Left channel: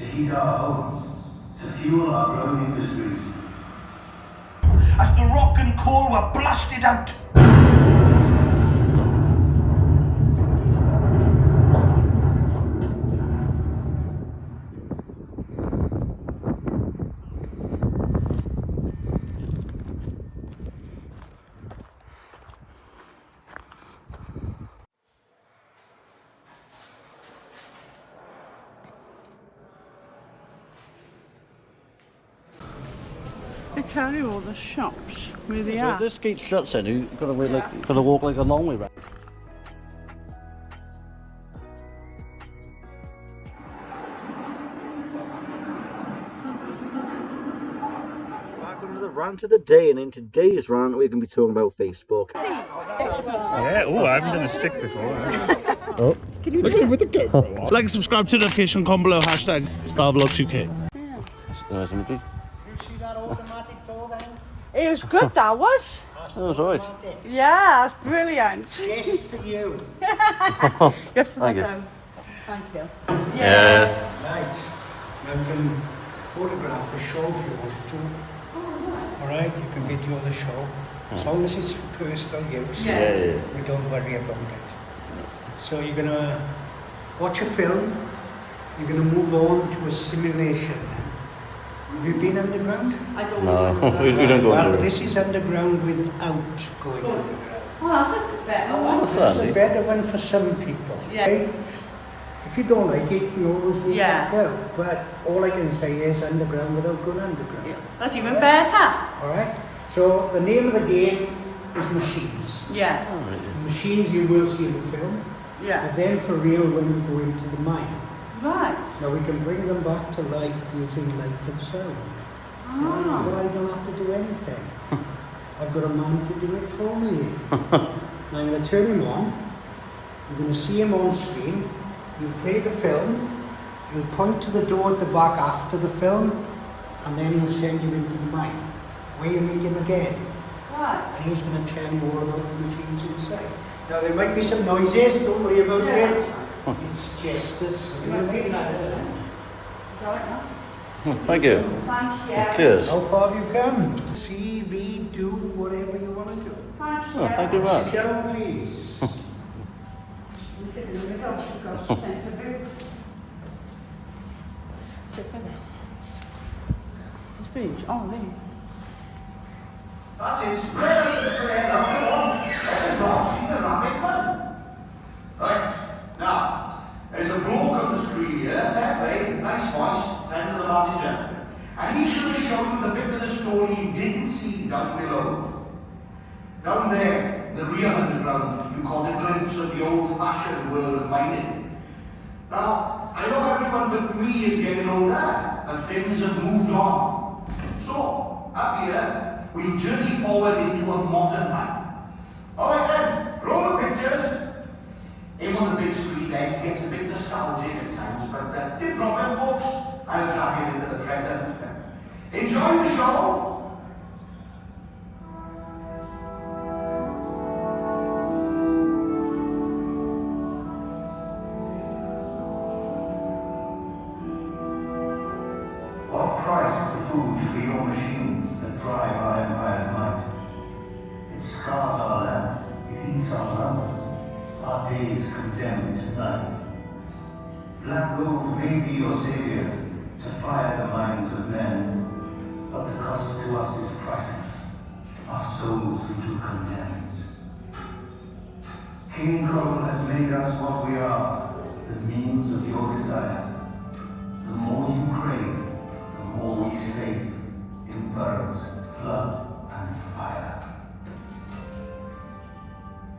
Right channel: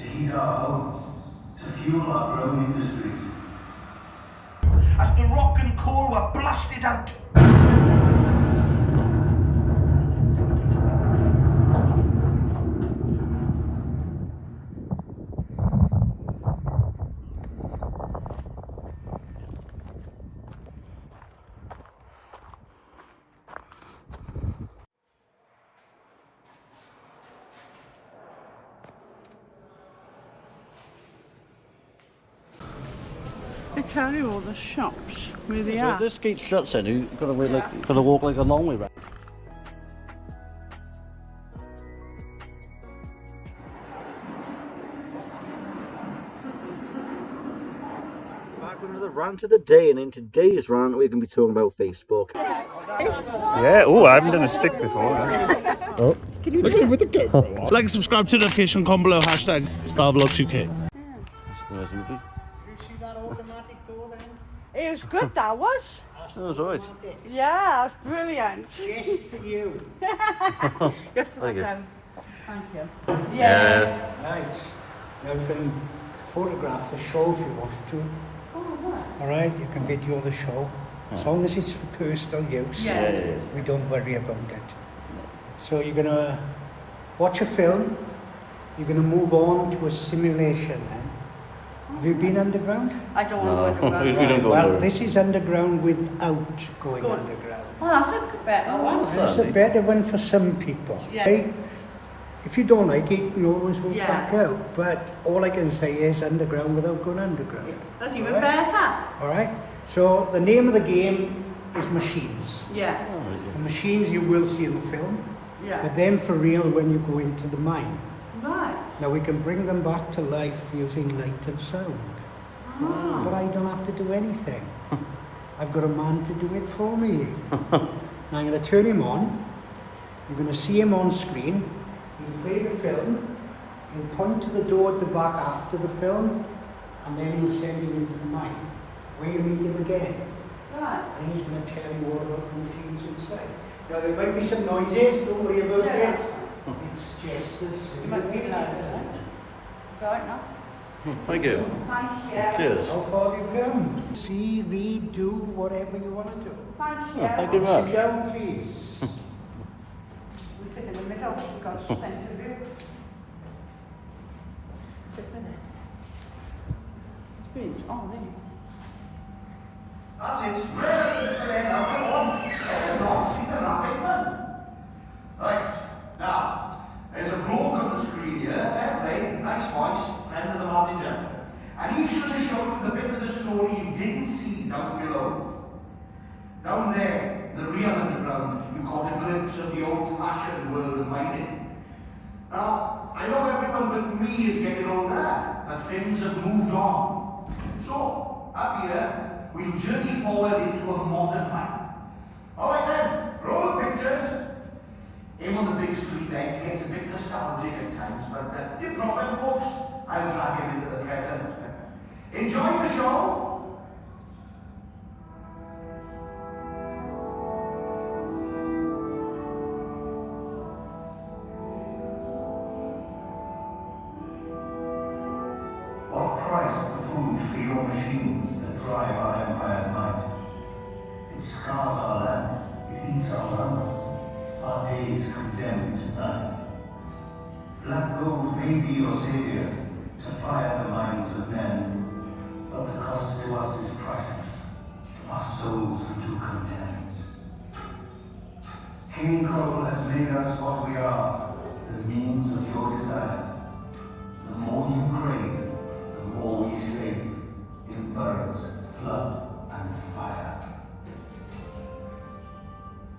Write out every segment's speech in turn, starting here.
to heat our homes, to fuel our growing industries. As the rock and coal were blasted out. They tell you all the shops where they So are. if this gate shuts in, you've got to wait got to walk like a long way back. Back with another rant of the day, and in today's rant we're going to be talking about Facebook. Yeah, oh, I haven't done a stick before. Oh. Look at him with the GoPro. Like and subscribe to the notification comment below, hashtag StarVlogs UK. Nice imagery. You see that automatic door then? It was good, that was. That was alright. Yeah, that's brilliant. Just for you. Thank you. Thank you. Yeah. Right. Now we can photograph the show if you want to. Alright, you can video the show. As long as it's for personal use. Yeah. We don't worry about it. So you're gonna watch a film, you're gonna move on to a simulation then. Have you been underground? I don't No, know. we don't go Well, under. this is underground without going underground. Oh, that's a better one. What's It's that, a Andy? better one for some people. Yeah. Okay? If you don't like it, we always will Yeah. back out. But all I can say is underground without going underground. That's even better. Alright? So the name of the game is Machines. Yeah. The machines you will see in the film, Yeah. but then for real when you go into the mine. Right. Now we can bring them back to life using light and sound. But I don't have to do anything. I've got a man to do it for me. Now I'm going to turn him on. You're going to see him on screen. We'll play the film. He'll point to the door at the back after the film, and then he'll send you into the mine, where you meet him again. Right. And he's going to tell you all about the machines inside. Now there might be some noises, don't worry about Yeah. it. It's just as You might be loud, then. Right now. Thank you. Thank you. Cheers. How far have you come? See, read, do whatever you want to do. Thank you. Oh, thank you very Sit much. down, please. You sit in the middle. You've got something to do. Sit in there. Speech. Oh, there. That's it. Ready to play number one. Not seen a rabbit man. Right, now, there's a bloke on the screen here, fair play, nice voice, friend of the manager. And he's going to show you the bit of the story you didn't see down below. Down there, the real underground, you caught a glimpse of the old-fashioned world of mining. Now, I know everyone but me is getting older, and things have moved on. So, up here, we'll journey forward into a modern mine. Alright then, roll the pictures. Him on the big screen there, he gets a bit nostalgic at times, but big problem folks, I'll drag him into the present. Enjoy the show. What price the food for your machines that drive our empire's might? It scars our land, it eats our lungs, our days condemned to night. Black gold may be your savior to fire the minds of men, but the cost to us is priceless, our souls we do condemn. King Coral has made us what we are, the means of your desire. The more you crave, the more we slave in burrows, flood, and fire.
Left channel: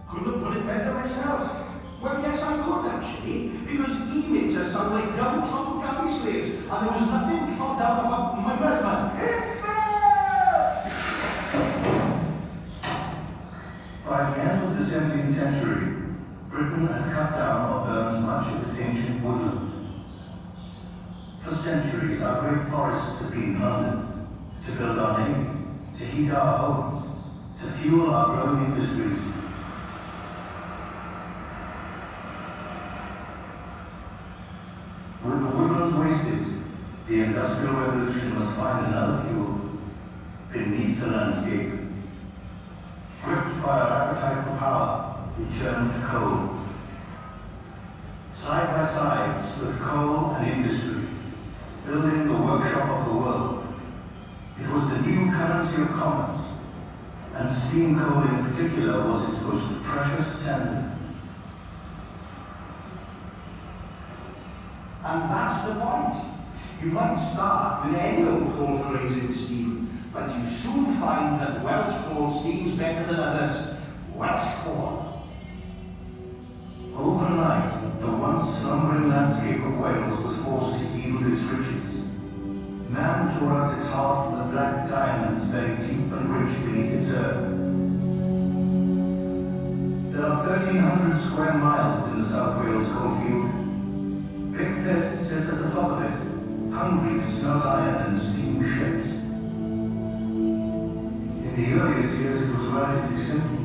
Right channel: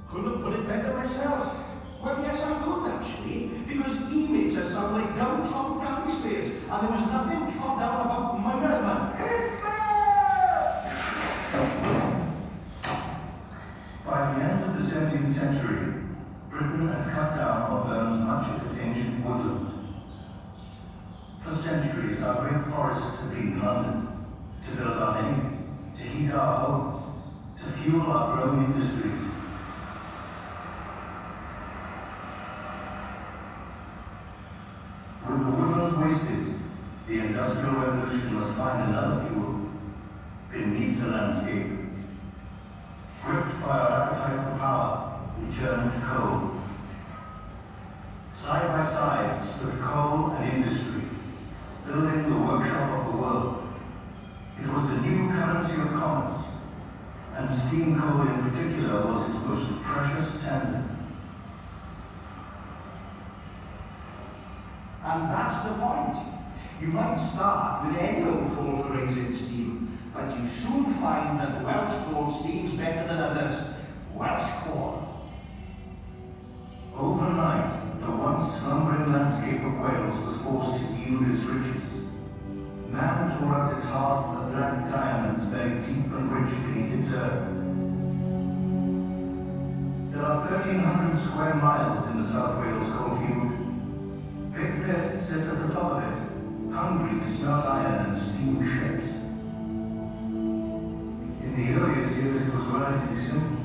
Couldn't put it better myself. Well, yes, I could actually, because he makes us sound like downtrodden galley slaves, and there was nothing trod down about my husband. By the end of the 17th century, Britain had cut down or burned much of its ancient woodland. For centuries, our great forests have been plundered to build our navy, to heat our homes, to fuel our growing industries. With the woodlands wasted, Industrial Revolution must find another fuel beneath the landscape. Gripped by our appetite for power, we turned to coal. Side by side stood coal and industry, building the workshop of the world. It was the new currency of commerce, and steam coal in particular was its most precious tender. And that's the point. You might start with any old coal for raising steam, but you soon find that Welsh coal steams better than others. Welsh coal. Overnight, the once slumbering landscape of Wales was forced to yield its riches. Man tore out its heart for the black diamonds buried deep and rich beneath its earth. There are 1,300 square miles in the South Wales coalfield. Big PITT sits at the top of it, hungry to smelt iron and steam ships. In the earliest years, it was relatively simple.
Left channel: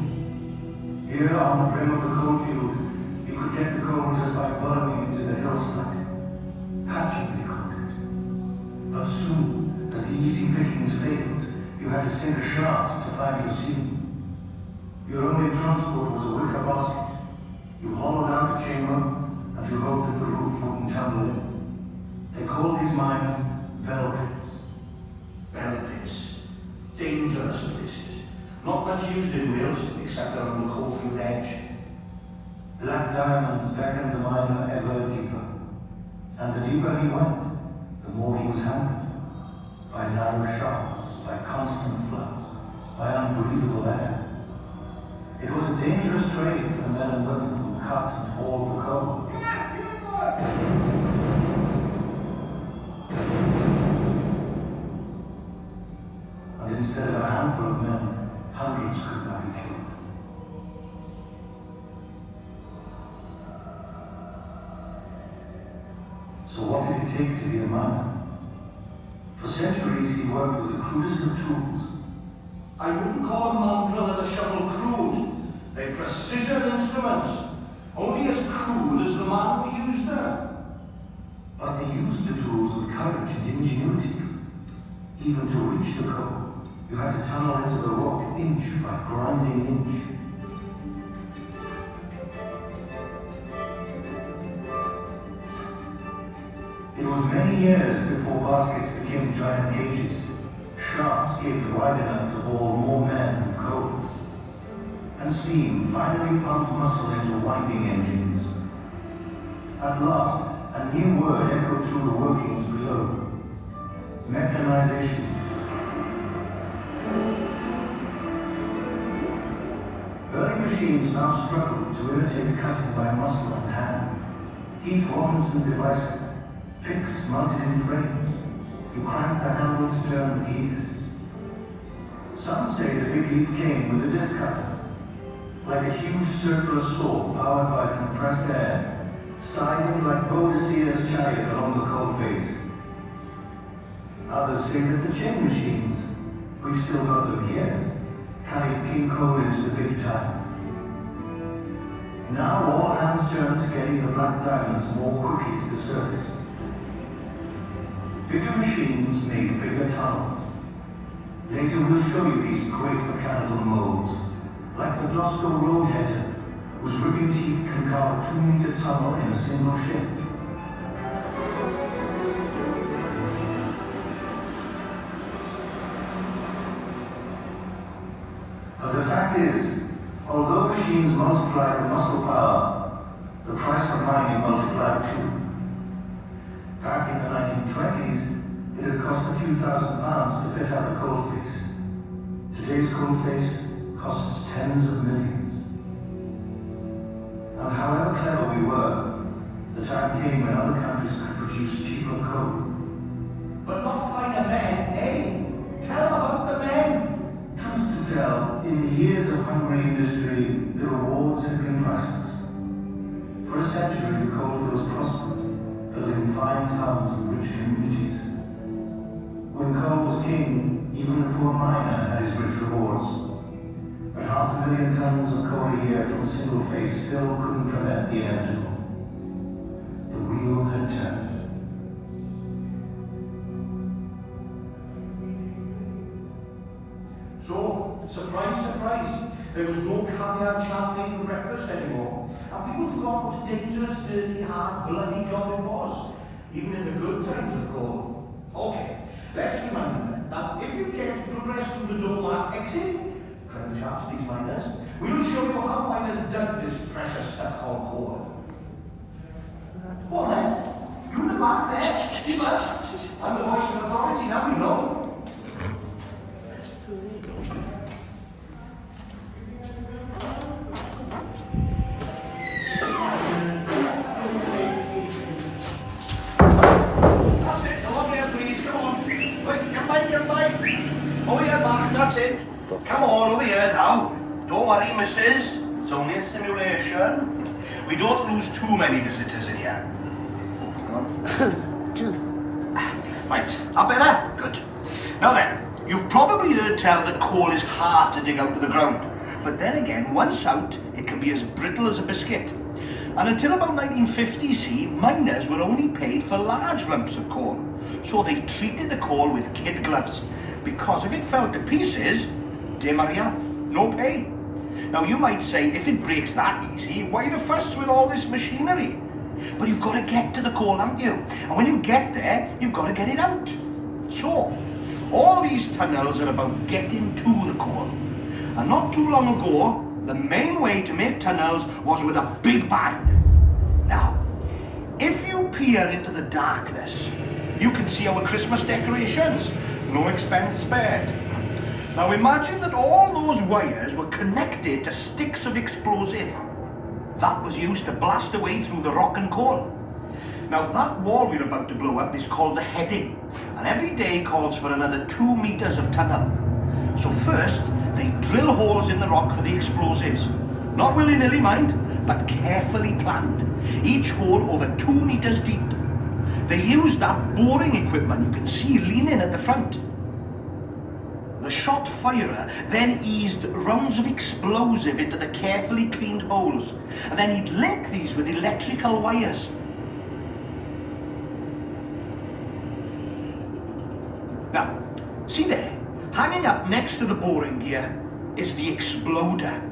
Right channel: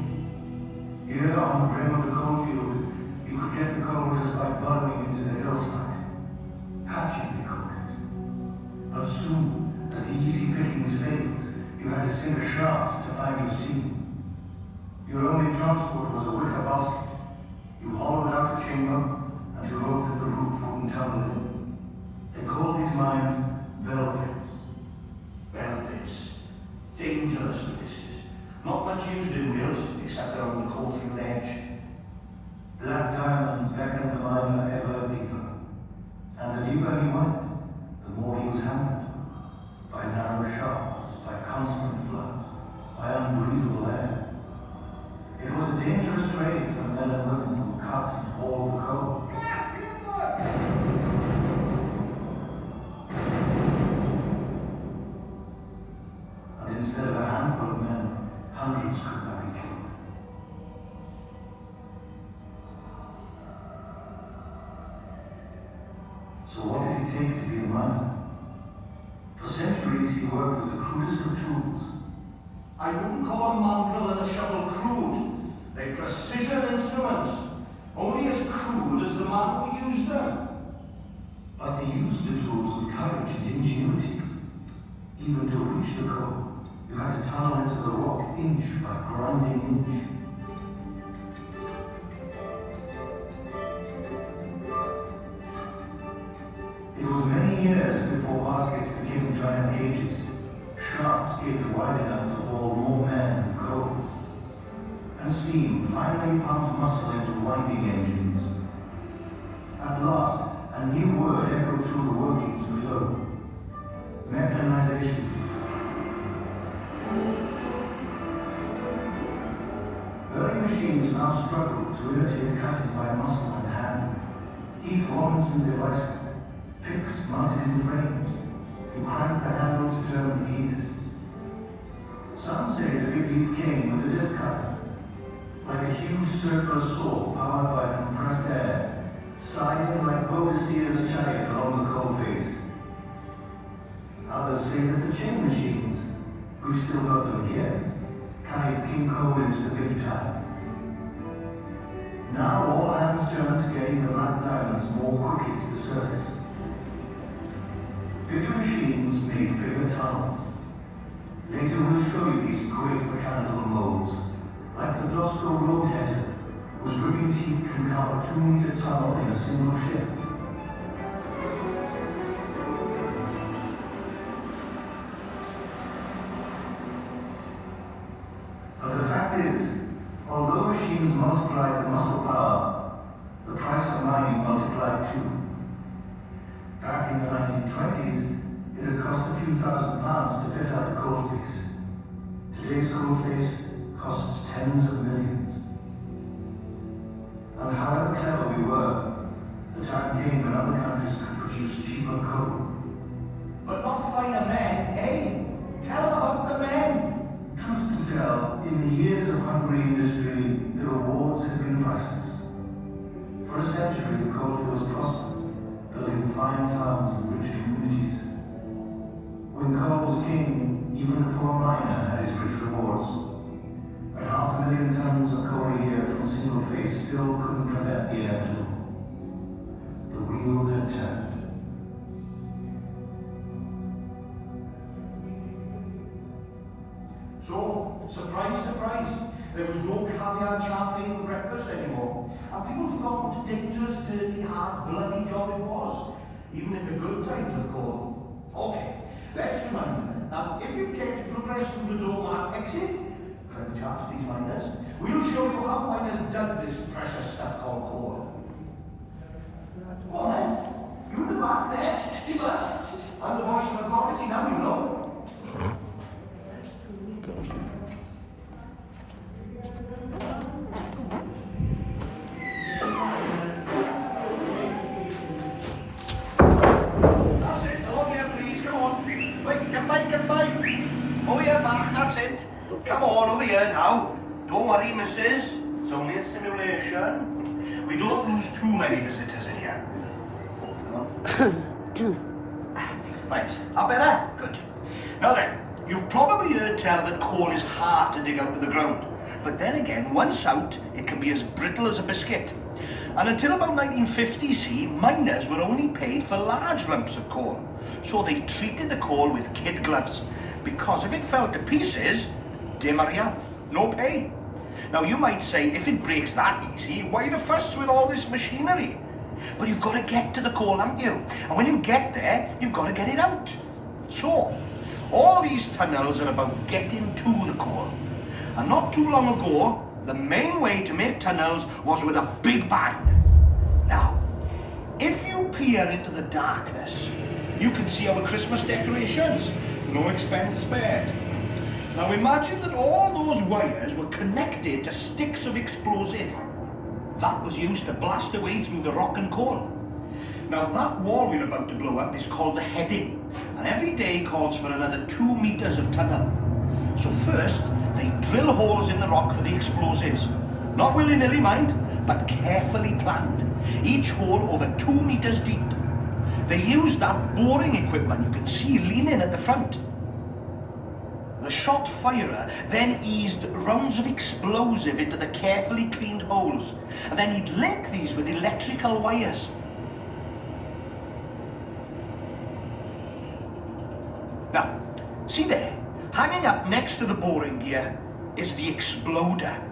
Here on the brim of the coalfield, you could get the coal just by burrowing into the hillside. Hatching, they called it. But soon, as the easy pickings failed, you had to sink a shaft to find your seam. Your only transport was a wicker basket. You hollowed out a chamber, and you hoped that the roof wouldn't tumble in. They called these mines bell pits. Bell pits. Dangerous places. Not much used in Wales, except around the coalfield edge. Black diamonds beckoned the miner ever deeper. And the deeper he went, the more he was hammered. By narrow shafts, by constant floods, by unbreathable air. It was a dangerous trade for the men and women who cut and hauled the coal. And instead of a handful of men, hundreds could now be killed. So what did it take to be a miner? For centuries he worked with the crudest of tools. I wouldn't call a mandrel and a shovel crude. They're precision instruments. Only as crude as the man who used them. But they used the tools with courage and ingenuity. Even to reach the coal, you had to tunnel into the rock inch by grinding inch. It was many years before baskets became giant cages. Shafts gaped wide enough to hold more men and coal. And steam finally pumped muscle into winding engines. At last, a new word echoed through the workings below. Mechanization. Early machines now struggled to imitate cutting by muscle and hand. Heath Robinson devices, picks mounted in frames. You crank the handle to turn the keys. Some say the big leap came with the disc cutter, like a huge circular saw powered by compressed air, sidling like Boadicea's chariot along the coal face. Others say that the chain machines, we've still got them here, carried king coal into the big time. Now all hands turn to getting the black diamonds more quickly to the surface. Bigger machines made bigger tunnels. Later we'll show you these great mechanical molds, like the Dosco roadheader, whose ripping teeth can carve a 2-meter tunnel in a single shift. But the fact is, although machines multiplied the muscle power, the price of mining multiplied too. Back in the 1920s, it had cost a few £1,000s to fit out a coalface. Today's coalface costs tens of millions. And however clever we were, the time came when other countries could produce cheaper coal. But not finer men, eh? Tell them about the men. Truth to tell, in the years of hungry industry, the rewards had been priceless. For a century, the coalfields prospered, building fine towns and rich communities. When coal was king, even the poor miner had his rich rewards. But 500,000 tons of coal a year from a single face still couldn't prevent the inevitable. The wheel had turned. surprise, surprise, there was no caviar and champagne for breakfast anymore, and people forgot what a dangerous, dirty, hard, bloody job it was, even in the good times of coal. Okay, let's remind you then. Now, if you care to progress through the doormat exit, clever chaps, these miners, we'll show you how miners dug this precious stuff called coal. Go on then. You in the back there, keep us. I'm the voice of authority, now we know. That's it, along here please, come on. Wait, get by. Over here, back, that's it. Come on, over here now. Don't worry, missus. It's only a simulation. We don't lose too many visitors in here. Right, that better? Good. Now then, you've probably heard tell that coal is hard to dig out of the ground. But then again, once out, it can be as brittle as a biscuit. And until about 1950, see, miners were only paid for large lumps of coal. So they treated the coal with kid gloves. Because if it fell to pieces, de Maria, no pay. Now you might say, if it breaks that easy, why the fuss with all this machinery? But you've got to get to the coal, haven't you? And when you get there, you've got to get it out. So, all these tunnels are about getting to the coal. And not too long ago, the main way to make tunnels was with a big bang. Now, if you peer into the darkness, you can see our Christmas decorations. No expense spared. Now imagine that all those wires were connected to sticks of explosive. That was used to blast a way through the rock and coal. Now that wall we're about to blow up is called the heading, and every day calls for another 2 meters of tunnel. So first, they drill holes in the rock for the explosives. Not willy-nilly, mind, but carefully planned. Each hole over 2 meters deep. They used that boring equipment you can see leaning at the front. The shot firer then eased rounds of explosive into the carefully cleaned holes, and then he'd link these with electrical wires. Now, see there, hanging up next to the boring gear is the exploder.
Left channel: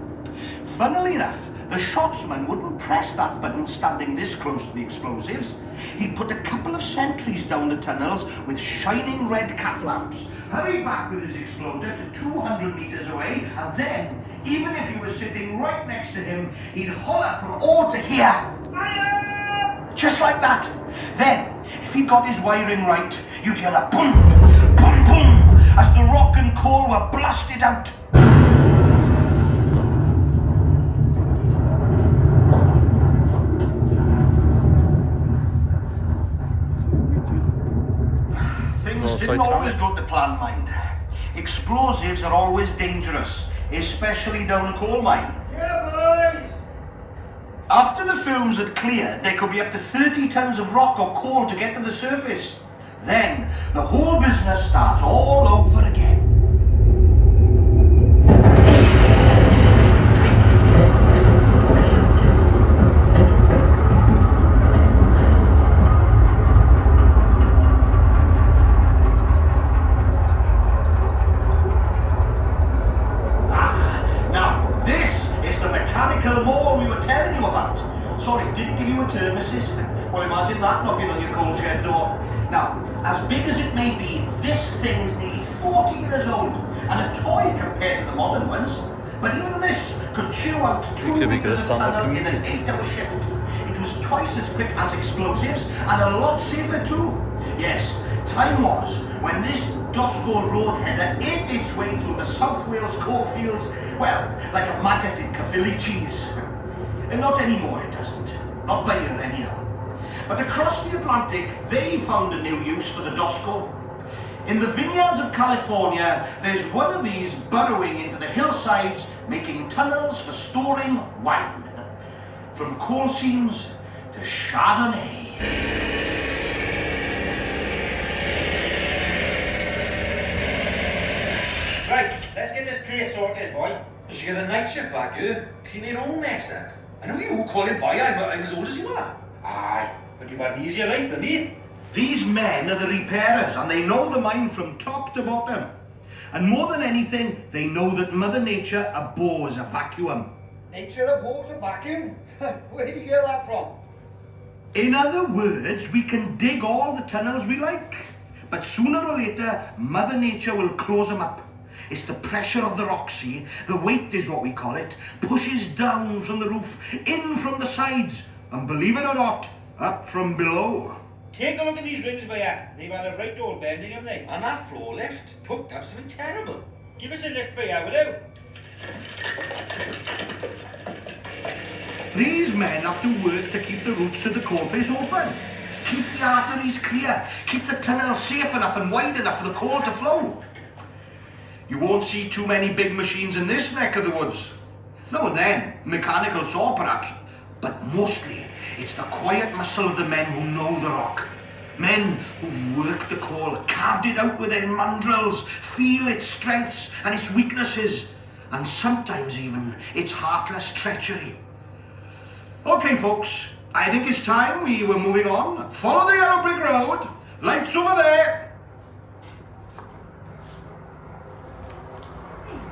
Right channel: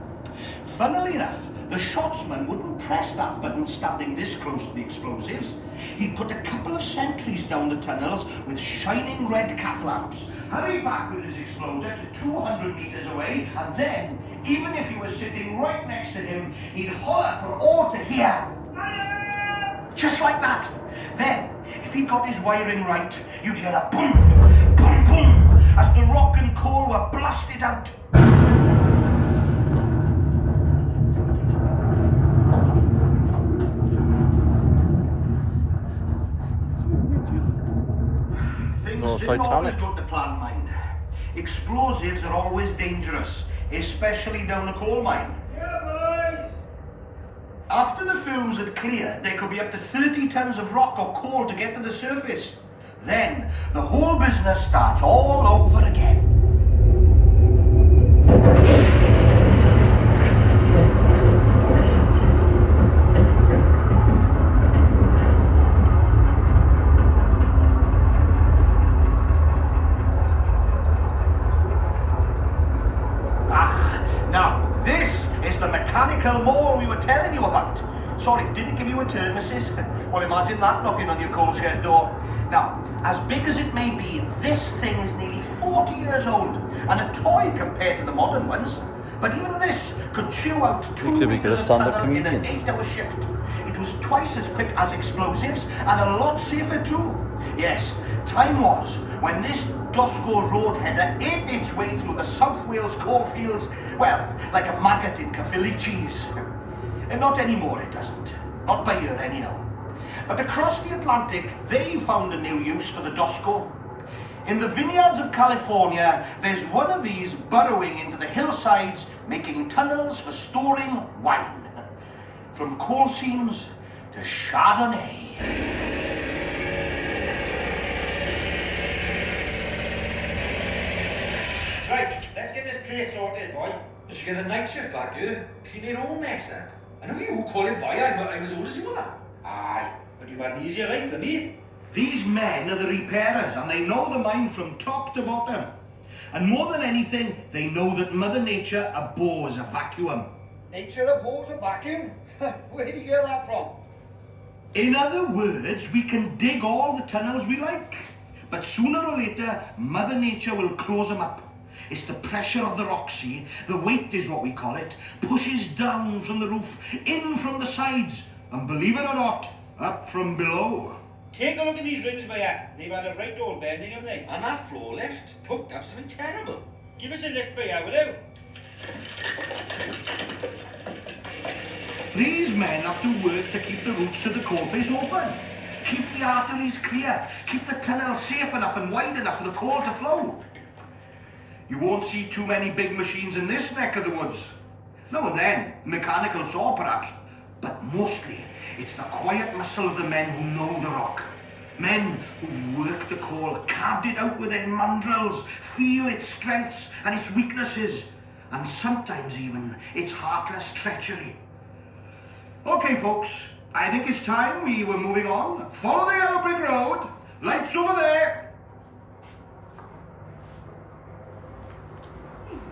Funnily enough, the shotsman wouldn't press that button standing this close to the explosives. He'd put a couple of sentries down the tunnels with shining red cap lamps, hurry back with his exploder to 200 meters away, and then, even if he was sitting right next to him, he'd holler for all to hear. Just like that. Then, if he got his wiring right, you'd hear a boom, boom, boom, as the rock and coal were blasted out. Things didn't always go to plan, mind. Explosives are always dangerous, especially down a coal mine. Yeah, boys! After the fumes had cleared, there could be up to 30 tons of rock or coal to get to the surface. Then, the whole business starts all over again. Sorry, did it give you a turn, missus? Well, imagine that knocking on your coal shed door. Now, as big as it may be, this thing is nearly 40 years old and a toy compared to the modern ones. But even this could chew out 2 meters of tunnel in an 8-hour shift. It was twice as quick as explosives and a lot safer too. Yes, time was when this Dosco road header ate its way through the South Wales coalfields, well, like a maggot in Caerphilly cheese. And not anymore, it doesn't. Not by here, anyhow. But across the Atlantic, they found a new use for the Dosco. In the vineyards of California, there's one of these burrowing into the hillsides, making tunnels for storing wine. From coal seams to Chardonnay. Right, let's get this place sorted, boy. You should get a night shift back here. Clean your own mess up. I know you all call him boy, I'm as old as you are. Aye, but you've had an easier life than me. These men are the repairers, and they know the mine from top to bottom. And more than anything, they know that Mother Nature abhors a vacuum. Nature abhors a vacuum? Where did you get that from? In other words, we can dig all the tunnels we like, but sooner or later, Mother Nature will close them up. It's the pressure of the rock, see? The weight is what we call it, pushes down from the roof, in from the sides, and believe it or not, up from below. Take a look at these rings, Baya. They've had a right old bending, haven't they? And that floor lift hooked up something terrible. Give us a lift, Baya, will you? These men have to work to keep the routes to the coalface open, keep the arteries clear, keep the tunnel safe enough and wide enough for the coal to flow. You won't see too many big machines in this neck of the woods. Now and then, mechanical saw perhaps, but mostly it's the quiet muscle of the men who know the rock. Men who've worked the coal, carved it out with their mandrels, feel its strengths and its weaknesses, and sometimes even its heartless treachery. Okay, folks, I think it's time we were moving on. Follow the yellow brick road. Lights over there.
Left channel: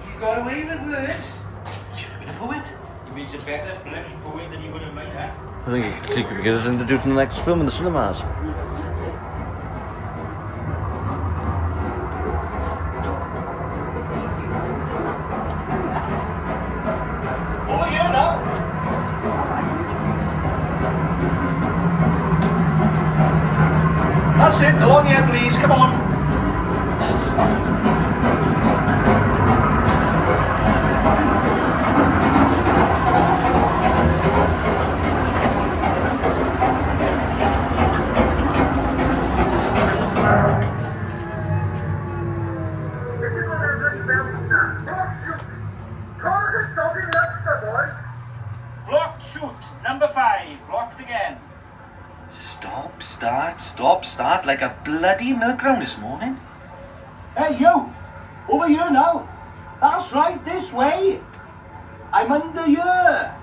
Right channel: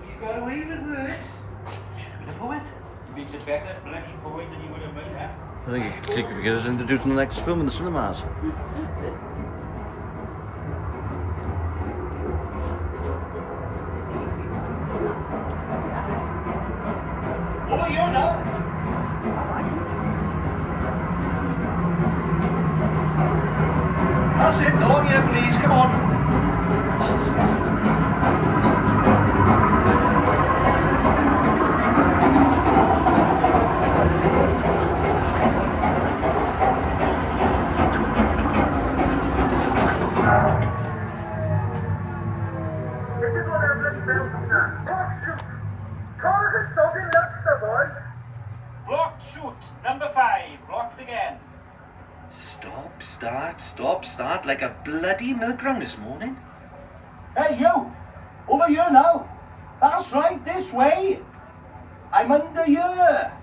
He's got away with words. Should have been a poet. He means a better bloody poet than you would have made, huh? I think he could get us introduced in the next film in the cinemas. Over here now. That's it, along here please, come on. Blocked shoot, number 5, blocked again. Stop, start, like a bloody milk round this morning. Hey you, over here now. That's right, this way. I'm under here.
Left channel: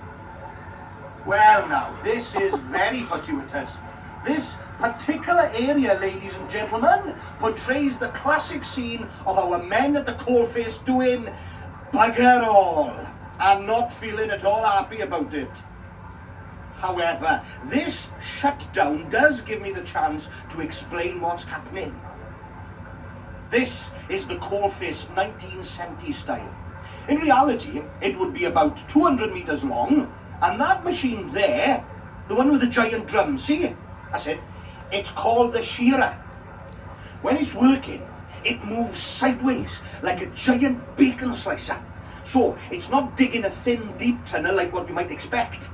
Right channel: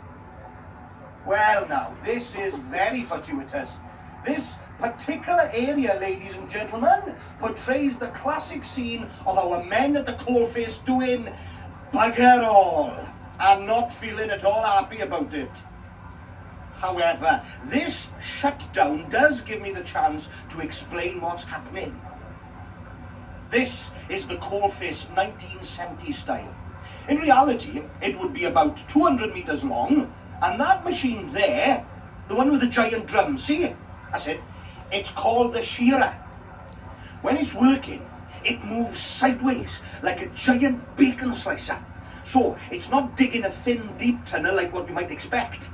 Well now, this is very fortuitous. This particular area, ladies and gentlemen, portrays the classic scene of our men at the coalface doing bugger all and not feeling at all happy about it. However, this shutdown does give me the chance to explain what's happening. This is the coalface 1970 style. In reality, it would be about 200 meters long, and that machine there, the one with the giant drum, see? That's it. It's called the shearer. When it's working, it moves sideways like a giant bacon slicer. So it's not digging a thin, deep tunnel like what you might expect.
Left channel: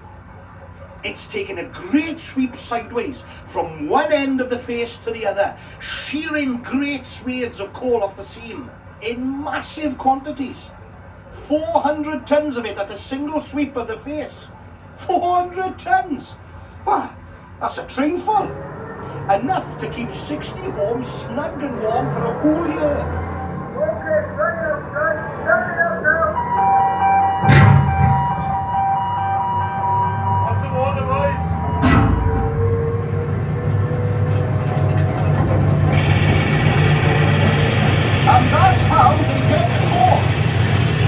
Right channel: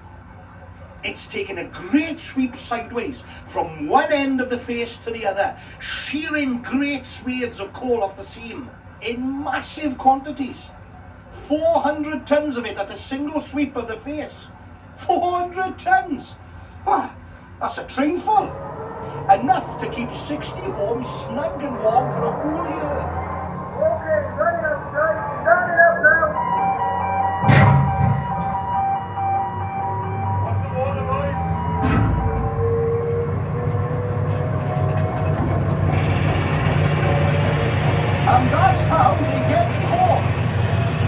It's taking a great sweep sideways from one end of the face to the other, shearing great swathes of coal off the seam in massive quantities. 400 tons of it at a single sweep of the face. 400 tons! Wow, that's a train full. Enough to keep 60 homes snug and warm for a whole year. Okay, right up, right, stand it up now. What's the water, boys? And that's how they get the coal.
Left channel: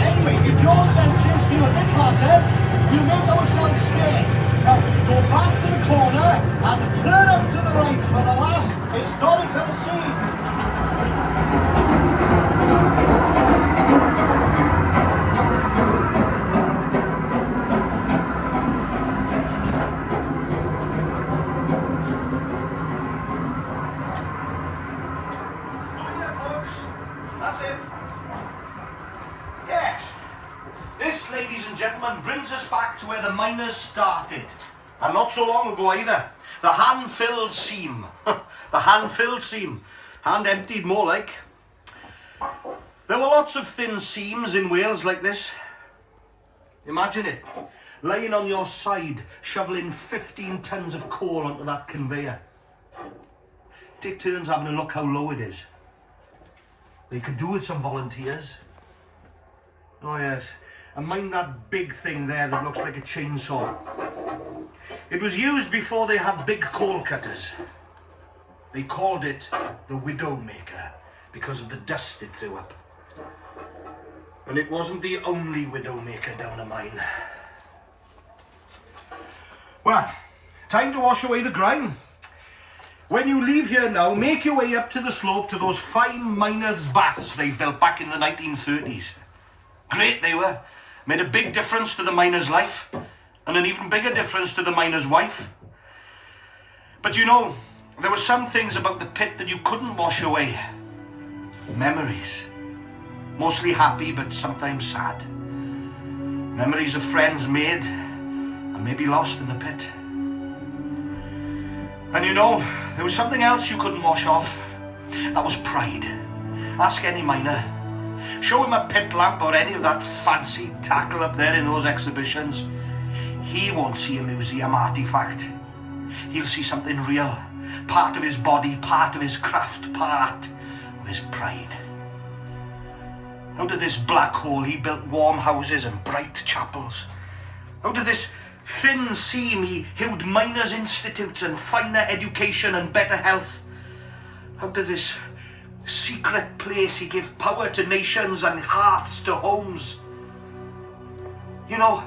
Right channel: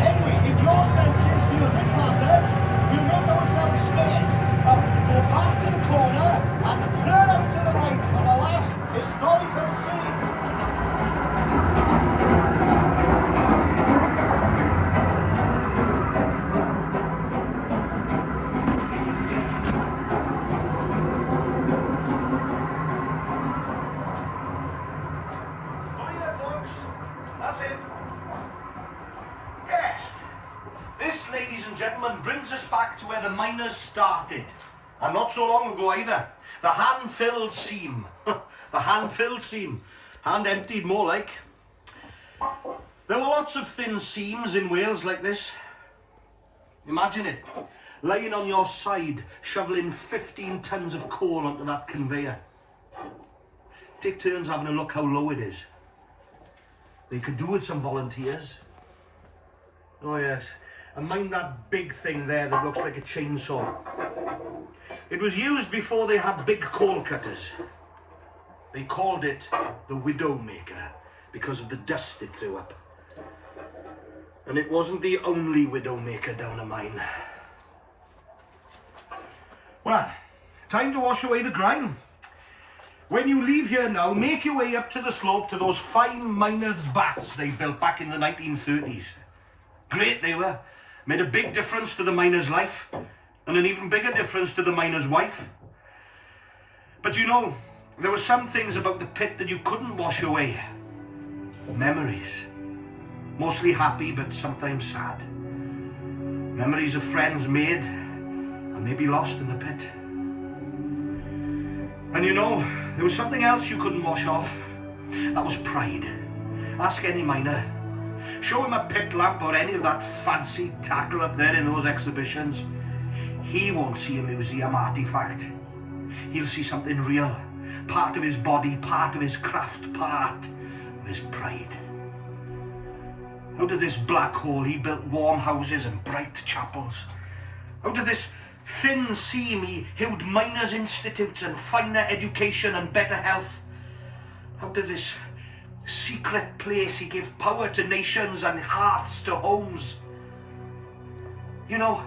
Anyway, if your senses feel a bit blunted, we'll make ourselves scarce. Now, go back to the corner and turn up to the right for the last historical scene. Oh yeah, folks, that's it. Yes, this, ladies and gentlemen, brings us back to where the miners started. And not so long ago either. The hand-filled seam. The hand-filled seam. Hand-emptied, more like. There were lots of thin seams in Wales like this. Imagine it. Lying on your side, shoveling 15 tons of coal onto that conveyor. Take turns having a look how low it is. They could do with some volunteers. Oh yes. And mind that big thing there that looks like a chainsaw. It was used before they had big coal cutters. They called it the Widowmaker because of the dust it threw up. And it wasn't the only widowmaker down a mine. Well, time to wash away the grime. When you leave here now, make your way up to the slope to those fine miners' baths they built back in the 1930s. Great they were. Made a big difference to the miner's life, and an even bigger difference to the miner's wife. But you know, there were some things about the pit that you couldn't wash away. Memories. Mostly happy, but sometimes sad. Memories of friends made and maybe lost in the pit. And you know, there was something else you couldn't wash off. That was pride. Ask any miner. Show him a pit lamp or any of that fancy tackle up there in those exhibitions. He won't see a museum artifact. He'll see something real. Part of his body, part of his craft, part of his pride. Out of this black hole he built warm houses and bright chapels. Out of this thin seam he hewed miners' institutes and finer education and better health. Out of this secret place he gave power to nations and hearths to homes. You know,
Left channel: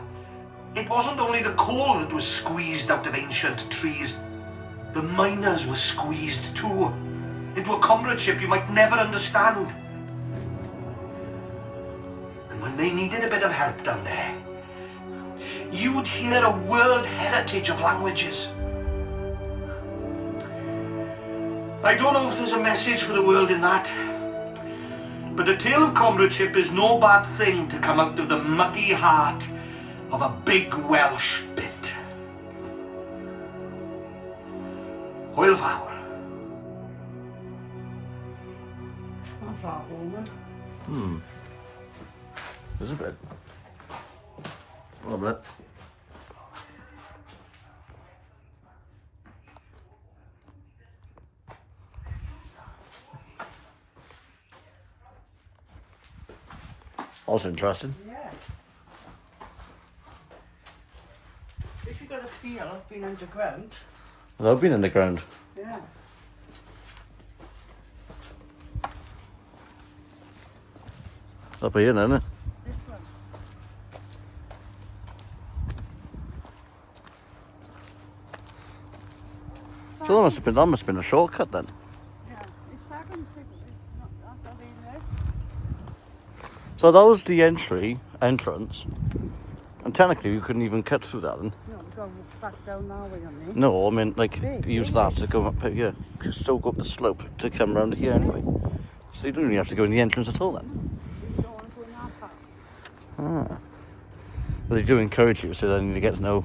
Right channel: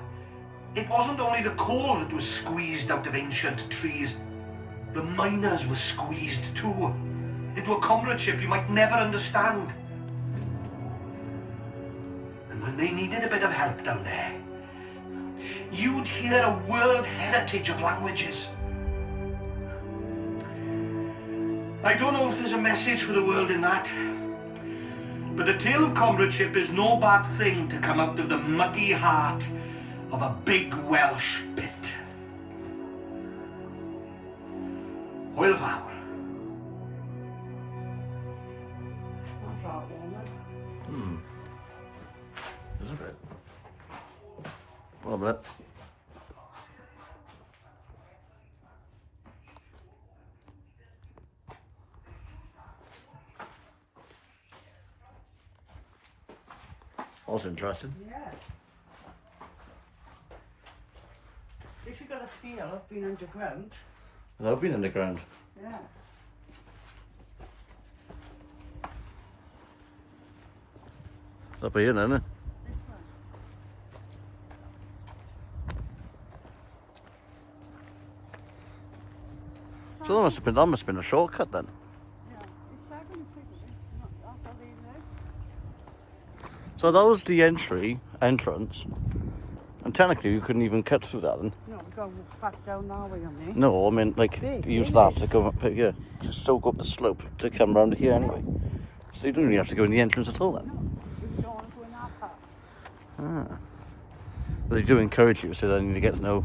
it wasn't only the coal that was squeezed out of ancient trees. The miners were squeezed too, into a comradeship you might never understand. And when they needed a bit of help down there, you'd hear a world heritage of languages. I don't know if there's a message for the world in that, but a tale of comradeship is no bad thing to come out of the muggy heart of a big Welsh pit. Hwyl fawr. That's that one. There's a bit. A bit. That's interesting. Yeah. If you got a feel of being underground, I've been in the ground. yeah. Up here, isn't it? This one. So that must have been a shortcut then. Yeah. It's 7 figures. That's what it is. So that was the entrance. And technically you couldn't even cut through that then. No, we're going back down now, we don't need. No, I mean like Big, use big. that to go up here. You still go up the slope to come round here anyway. So you don't really have to go in the entrance at all then. Ah. But they do encourage you, so then you get to know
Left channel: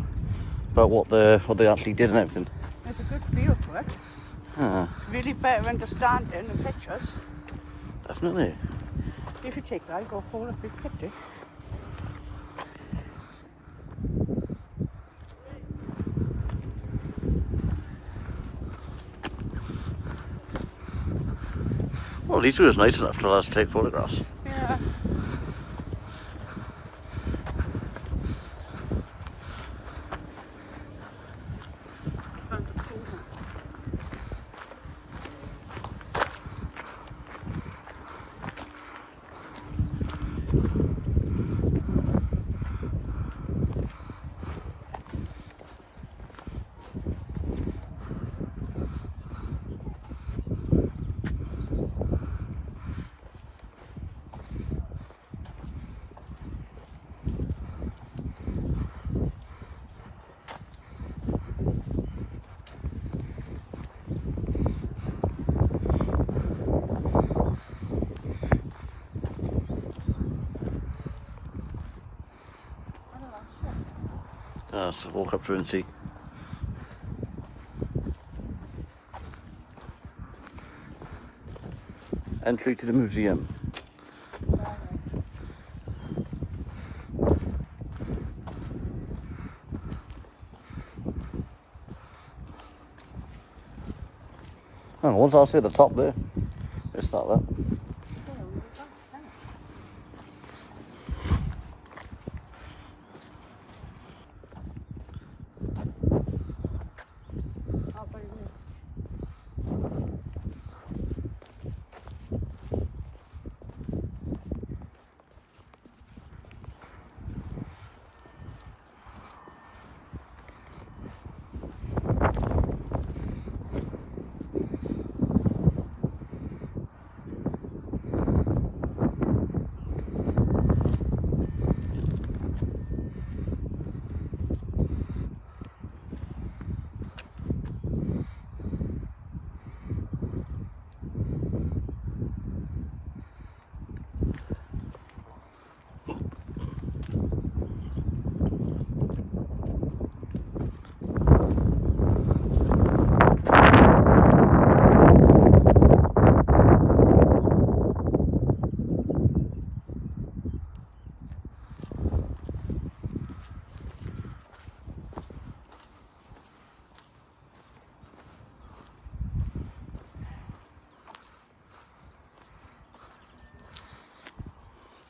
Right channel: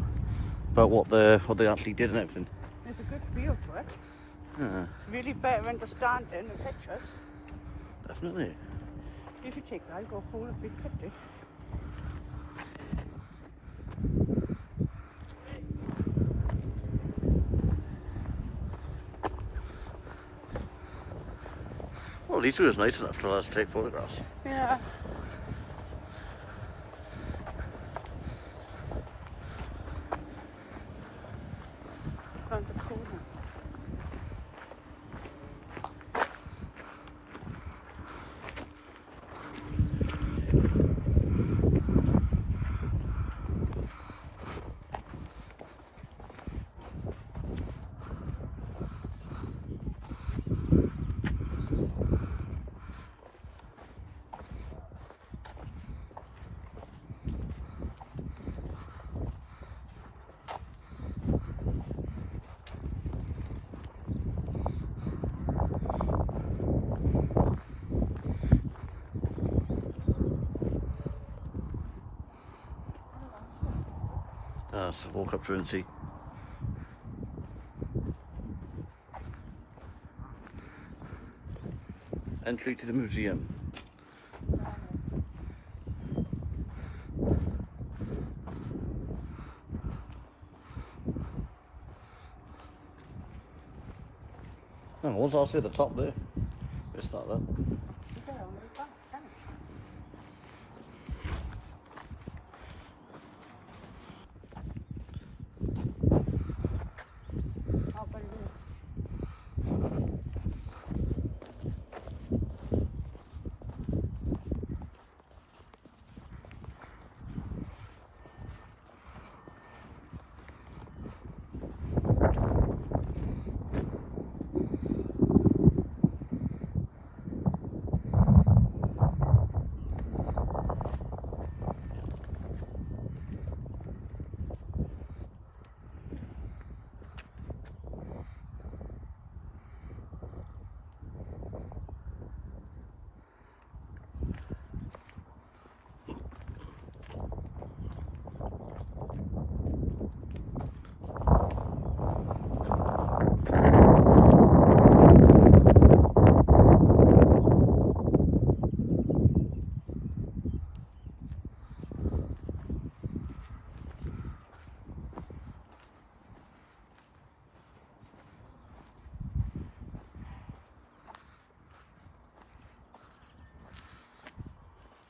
about what they actually did and everything. There's a good feel to it. Ah, Really better understanding the pictures. definitely. If you take that, go for a big picture. Well, at least it was nice enough for us to take photographs. Yeah. Found a cool one. So walk up through and see. Entry to the museum. Oh, once I see the top there, let's start that.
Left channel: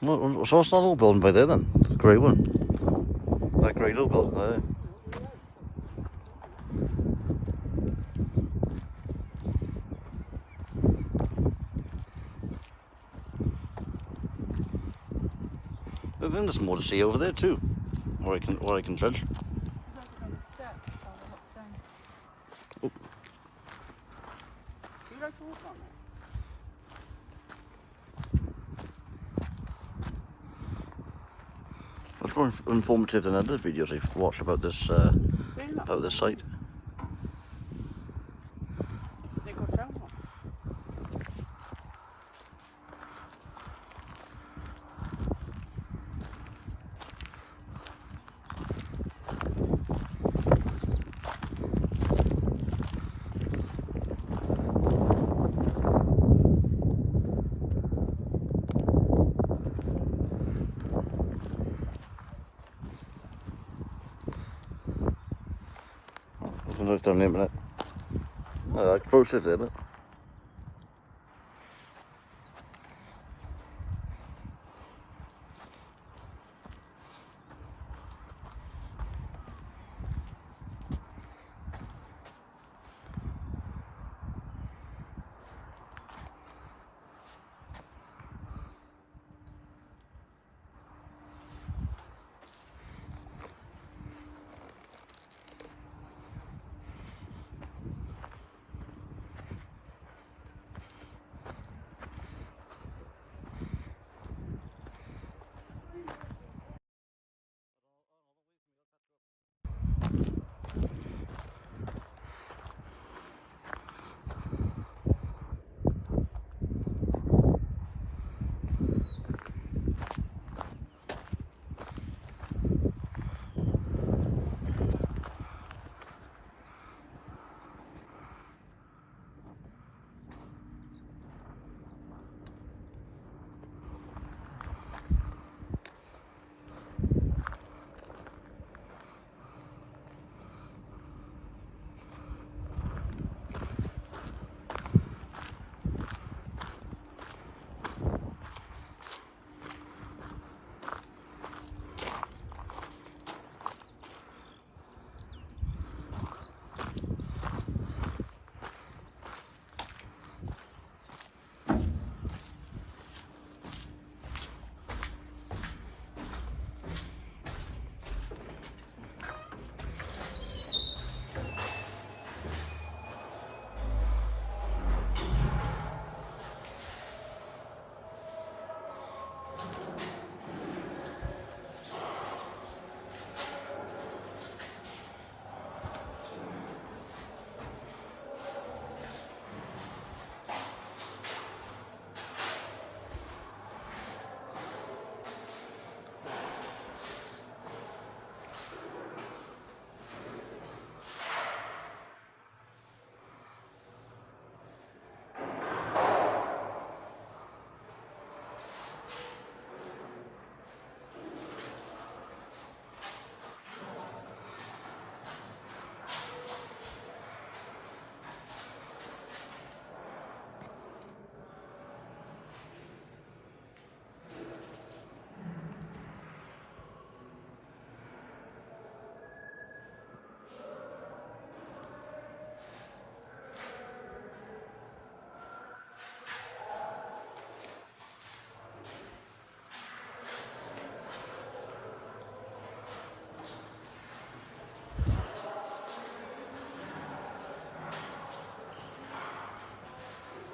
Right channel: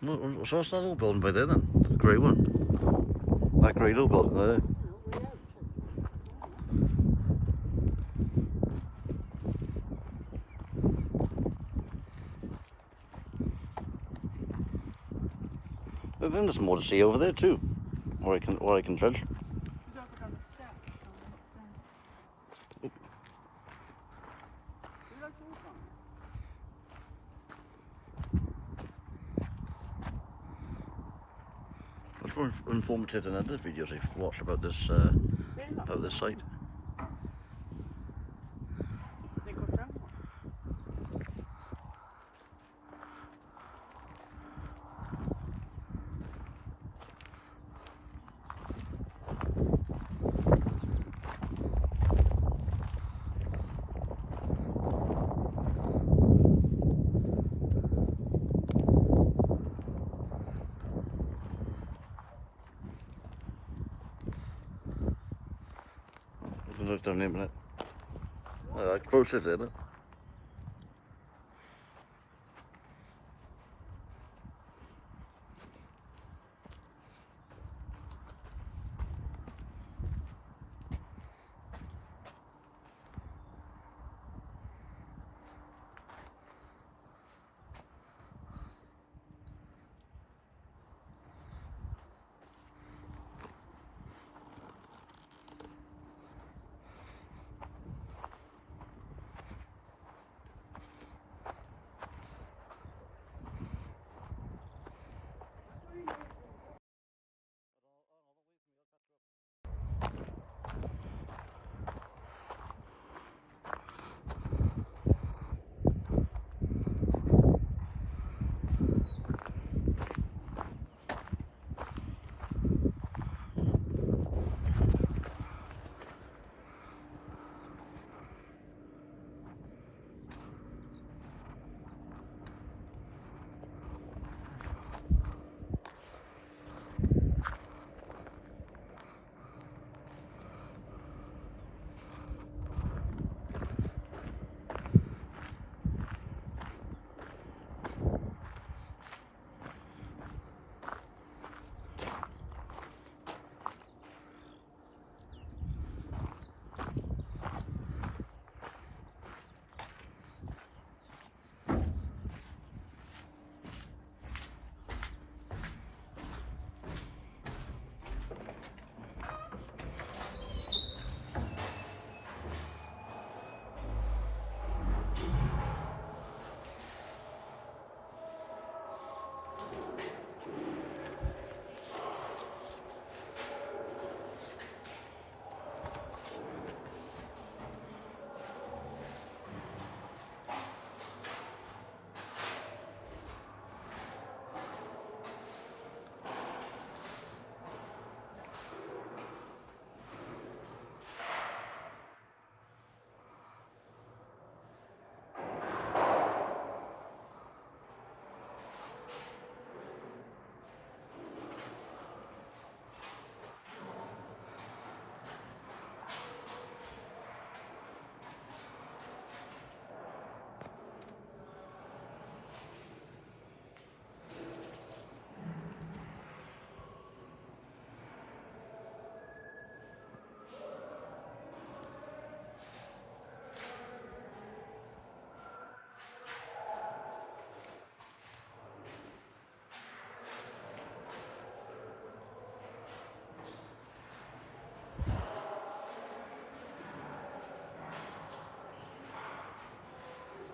Well, so it's not all building by there then? The grey one? That grey little building there. I think there's more to see over there too, or I can judge. Walking on the steps on the hook down. Oh. You like to walk on it? Much more informative than other videos I've watched about this site. They go down one. We can look down there a minute. That closer there, look.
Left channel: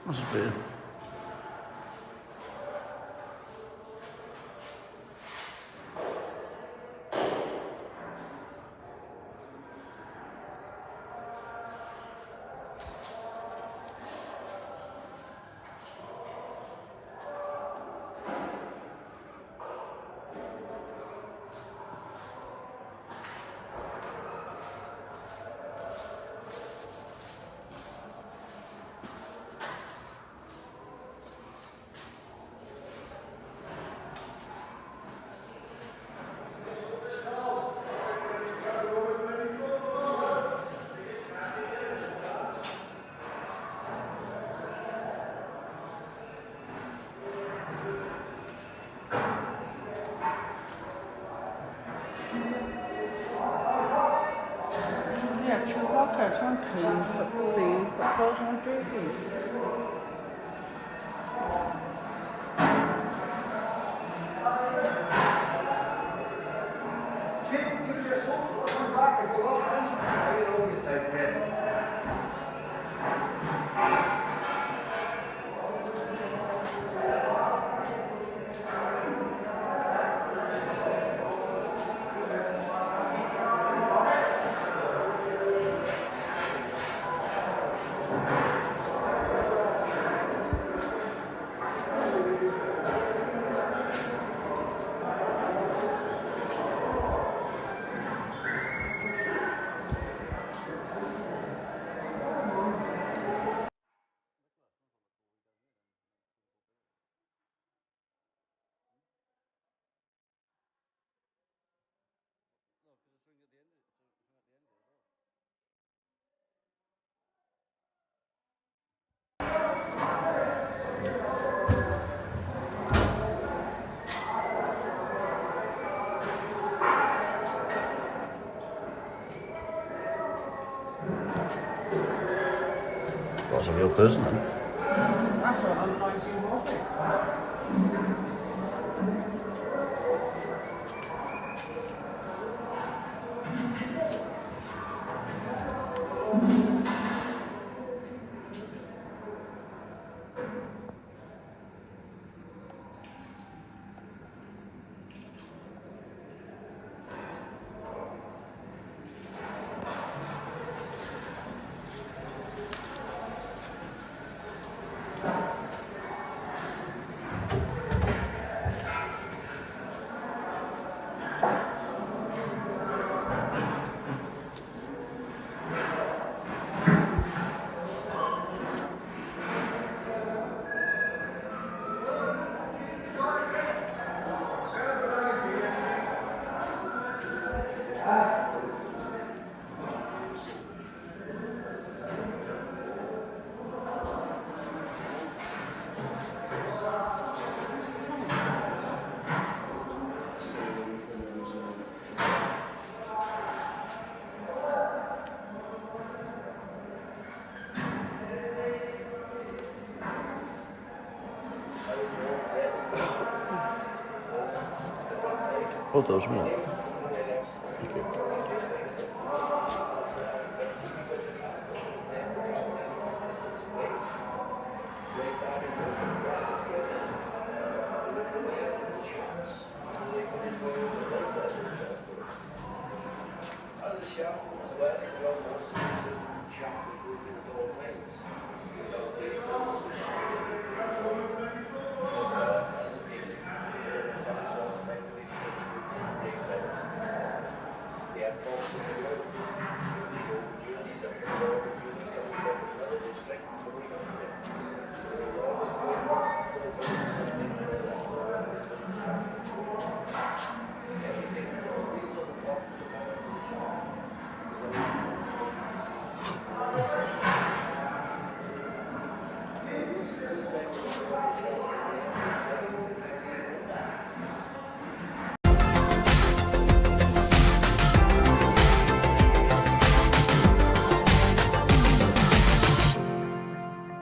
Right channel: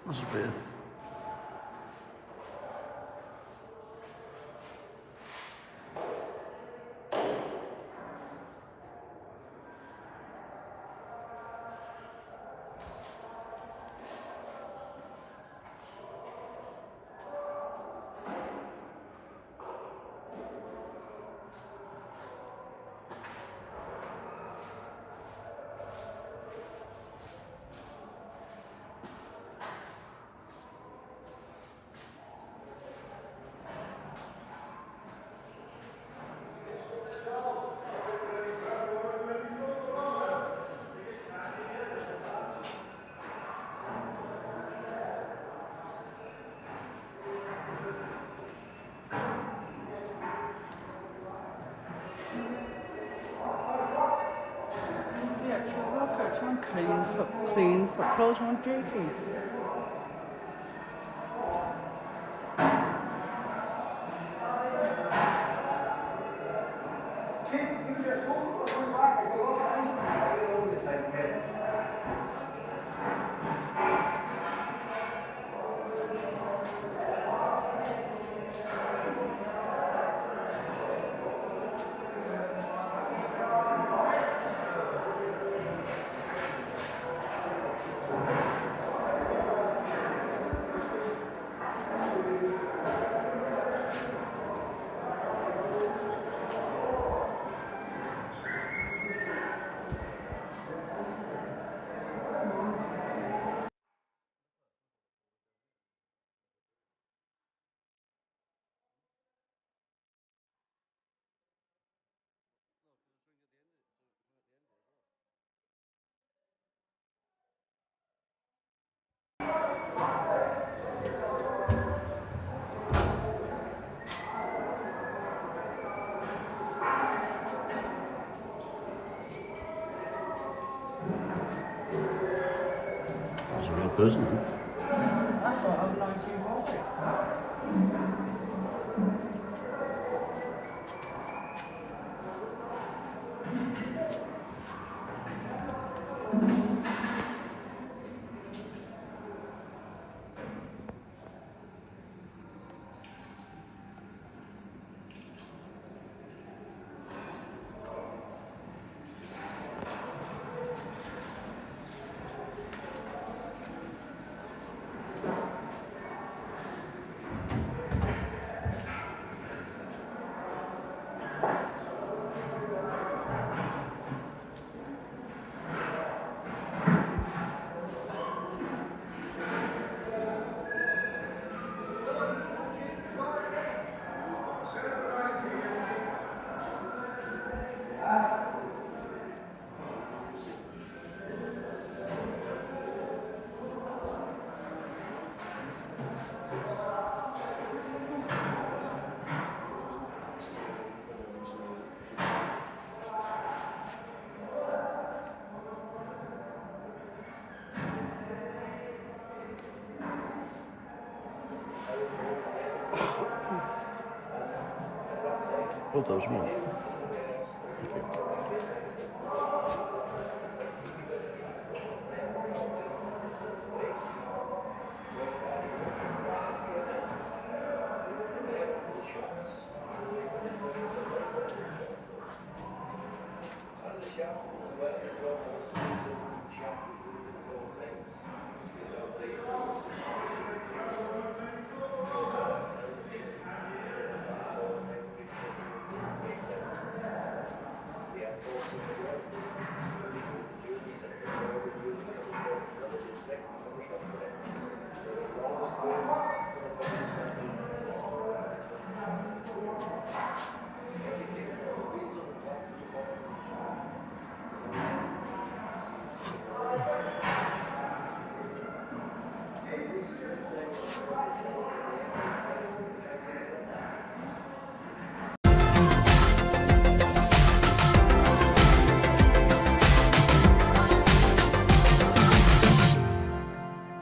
That's weird. one clean girls and jerseys. That's a real person, man. What does, man?